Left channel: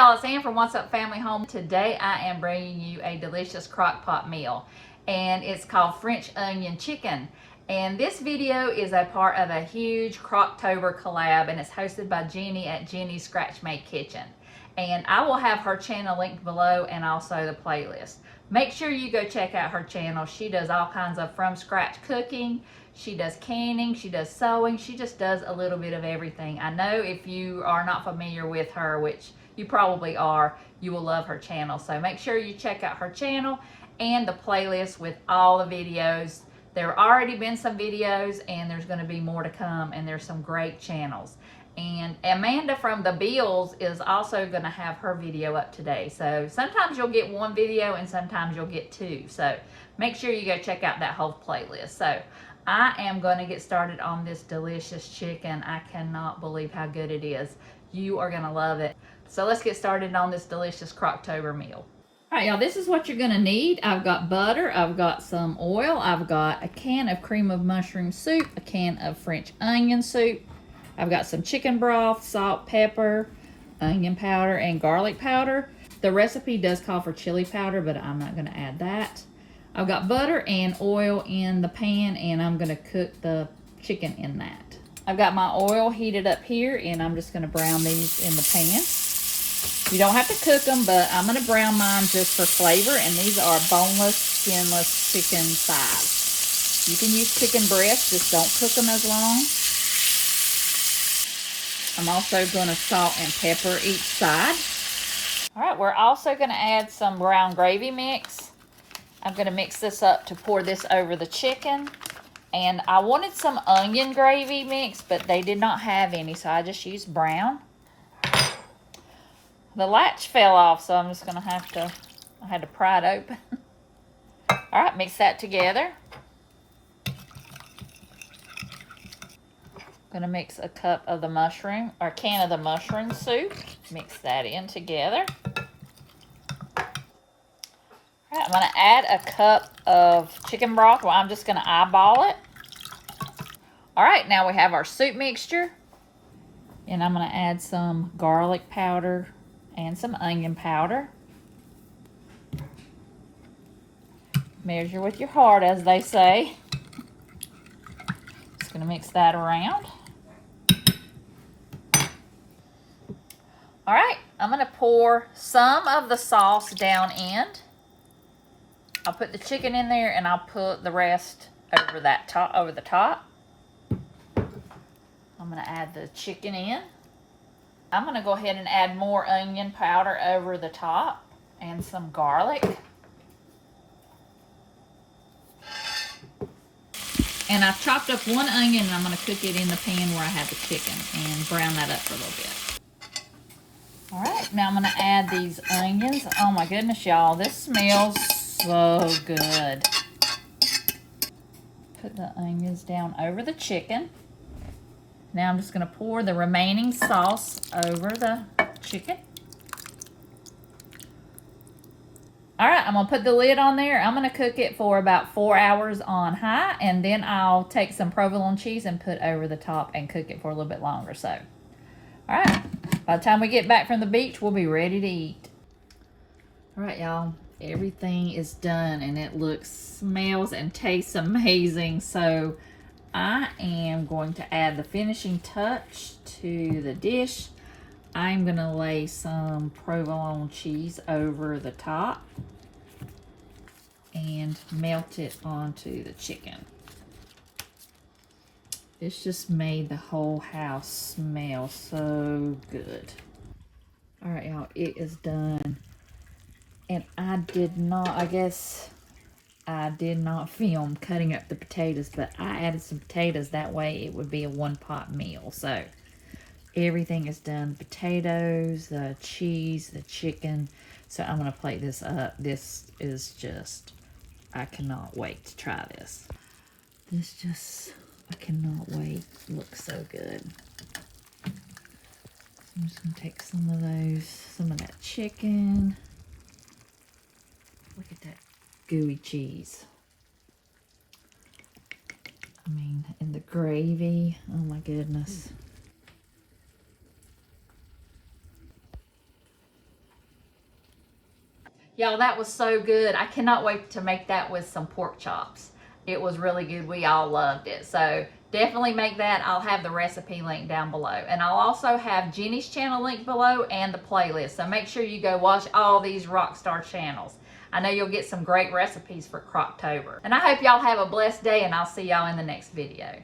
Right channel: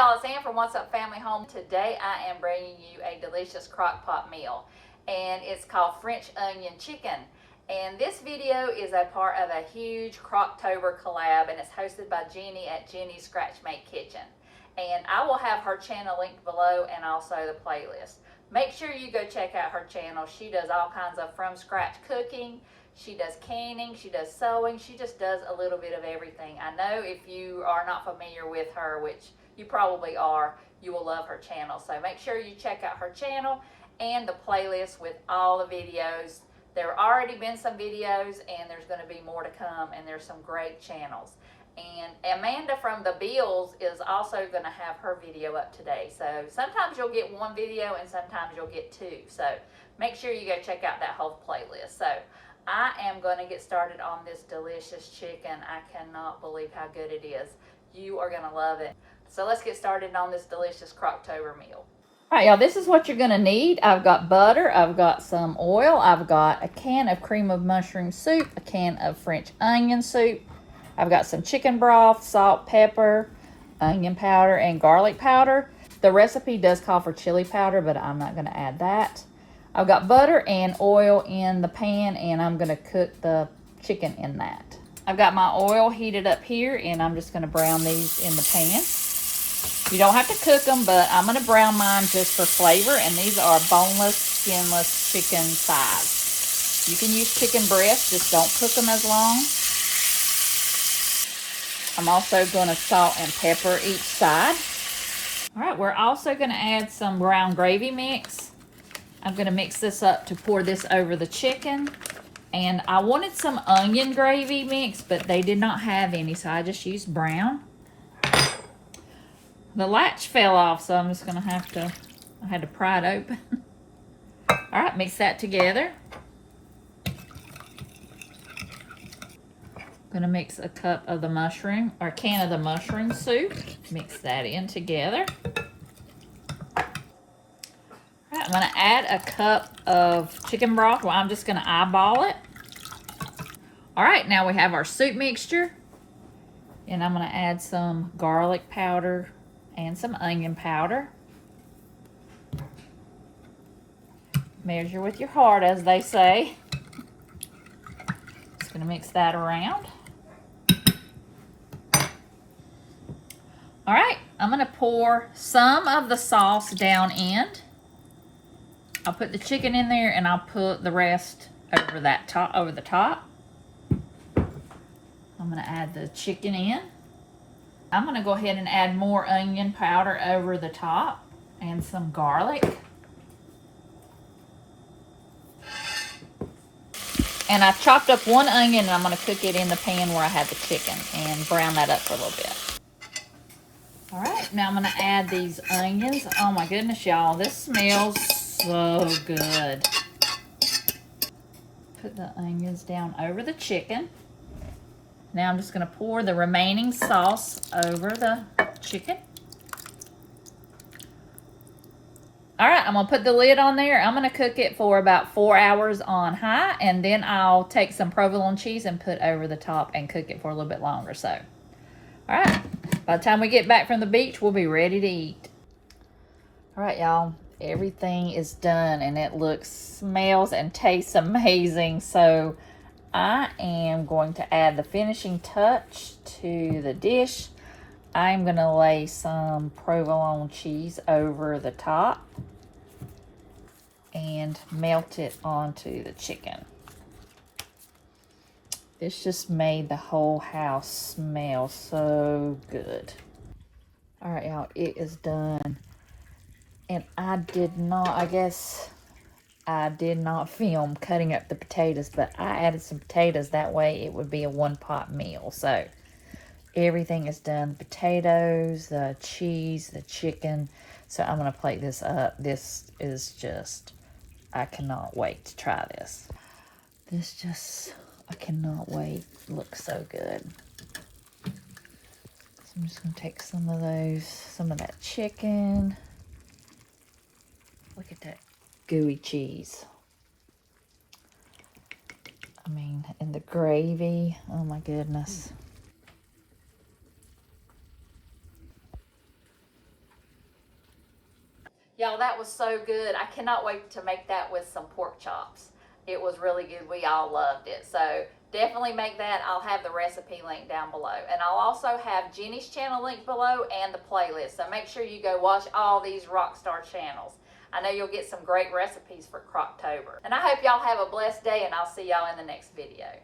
y'all, it's Ann from What's Up Family Home. Today I am bringing you a delicious crock pot meal, and it's called French onion chicken. And this video is a part of a huge Crocktober collab, and it's hosted by Jeni at Jeni's Scratch Made Kitchen. And I will have her channel linked below and also the playlist. Make sure you go check out her channel. She does all kinds of from scratch cooking. She does canning, she does sewing, she just does a little bit of everything. I know if you are not familiar with her, which you probably are, you will love her channel. So make sure you check out her channel and the playlist with all the videos. There have already been some videos and there's going to be more to come, and there's some great channels. And Amanda from the Bills is also going to have her video up today. So sometimes you'll get one video and sometimes you'll get two. So make sure you go check out that whole playlist. So I am going to get started on this delicious chicken. I cannot believe how good it is. You are going to love it. So let's get started on this delicious Crocktober meal. All right, y'all, this is what you're going to need. I've got butter, I've got some oil, I've got a can of cream of mushroom soup, a can of French onion soup, I've got some chicken broth, salt, pepper, onion powder, and garlic powder. The recipe does call for chili powder, but I'm not going to add that. I've got butter and oil in the pan, and I'm going to cook the chicken in that. I've got my oil heated up here, and I'm just going to brown these in the pan. You don't have to cook them, but I'm going to brown mine just for flavor, and these are boneless, skinless chicken thighs. You can use chicken breasts, just don't cook them as long. I'm also going to salt and pepper each side. All right, we're also going to add some brown gravy mix. I'm going to mix this up to pour this over the chicken. And I wanted some onion gravy mix, but they did not have any, so I just used brown. The latch fell off, so I'm just going to have to, I had to pry it open. All right, mix that together. I'm going to mix a cup of the mushroom, or a can of the mushroom soup. Mix that in together. Right, I'm going to add a cup of chicken broth. Well, I'm just going to eyeball it. All right, now we have our soup mixture. And I'm going to add some garlic powder and some onion powder. Measure with your heart, as they say. Just going to mix that around. All right, I'm going to pour some of the sauce down in. I'll put the chicken in there, and I'll put the rest over the top. I'm going to add the chicken in. I'm going to go ahead and add more onion powder over the top and some garlic. And I've chopped up one onion, and I'm going to cook it in the pan where I have the chicken and brown that up for a little bit. All right, now I'm going to add these onions. Oh my goodness, y'all, this smells so good. Put the onions down over the chicken. Now I'm just going to pour the remaining sauce over the chicken. All right, I'm going to put the lid on there. I'm going to cook it for about 4 hours on high, and then I'll take some provolone cheese and put over the top and cook it for a little bit longer. So, all right, by the time we get back from the beach, we'll be ready to eat. All right, y'all. Everything is done, and it smells and tastes amazing. So I am going to add the finishing touch to the dish. I'm going to lay some provolone cheese over the top and melt it onto the chicken. This just made the whole house smell so good. All right, y'all, it is done. And I did not film cutting up the potatoes, but I added some potatoes. That way it would be a one-pot meal. So everything is done. Potatoes, the cheese, the chicken. So I'm going to plate this up. This is just, I cannot wait to try this. I cannot wait. It looks so good. So I'm just going to take some of that chicken. Look at that gooey cheese. I mean, and the gravy. Oh my goodness. Y'all, that was so good. I cannot wait to make that with some pork chops. It was really good. We all loved it. So definitely make that. I'll have the recipe link down below. And I'll also have Jeni's channel link below and the playlist. So make sure you go watch all these Rockstar channels. I know you'll get some great recipes for Crocktober. And I hope y'all have a blessed day, and I'll see y'all in the next video.